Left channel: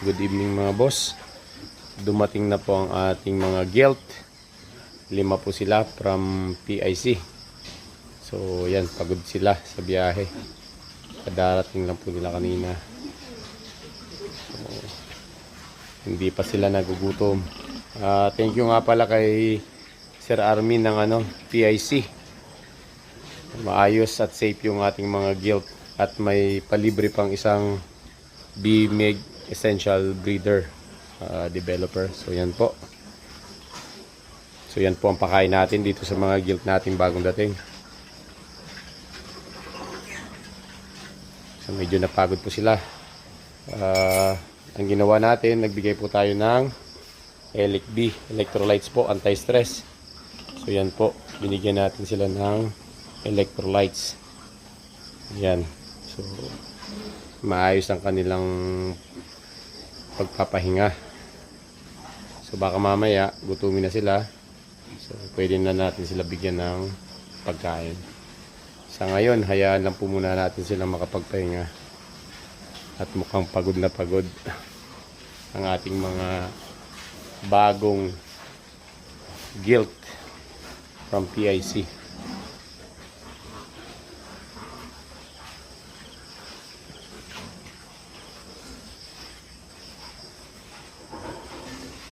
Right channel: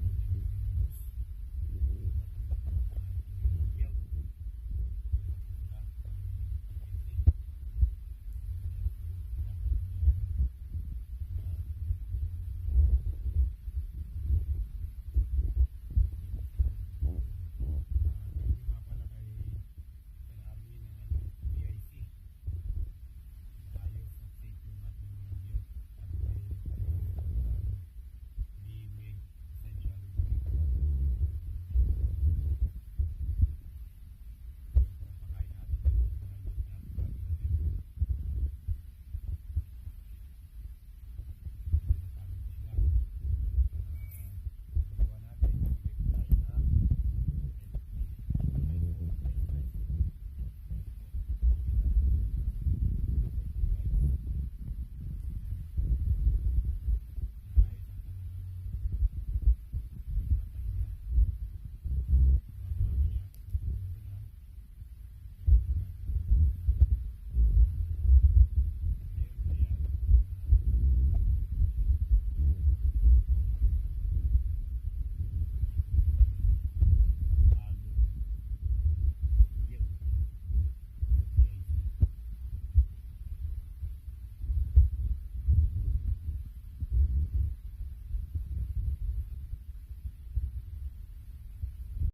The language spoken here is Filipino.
Good evening mga boss. Dumating na po ang ating mga gilt. 5 po sila from PIC. So yan, pagod sila sa biyahe. Kadarating lang po nila kanina. So, hindi pa sila nagugutom. Thank you nga pala kay Sir Armin ng PIC. Maayos at safe yung ating mga gilt. At may palibre pang isang BMEG Essential Breeder developer. So yan po. So yan po ang pakain natin dito sa mga gilt natin bagong dating. So medyo napagod po sila. Ang ginawa natin, nagbigay po tayo ng ELIC-B, electrolytes po, anti-stress. So yan po, binigyan natin sila ng electrolytes. Yan. So maayos ang kanilang pagpapahinga. So baka mamaya gutumin na sila. So pwede na natin sila bigyan ng pagkain. Sa ngayon, hayaan lang po muna natin sila makapagpahinga. At mukhang pagod na pagod ang ating mga bagong gilt from PIC.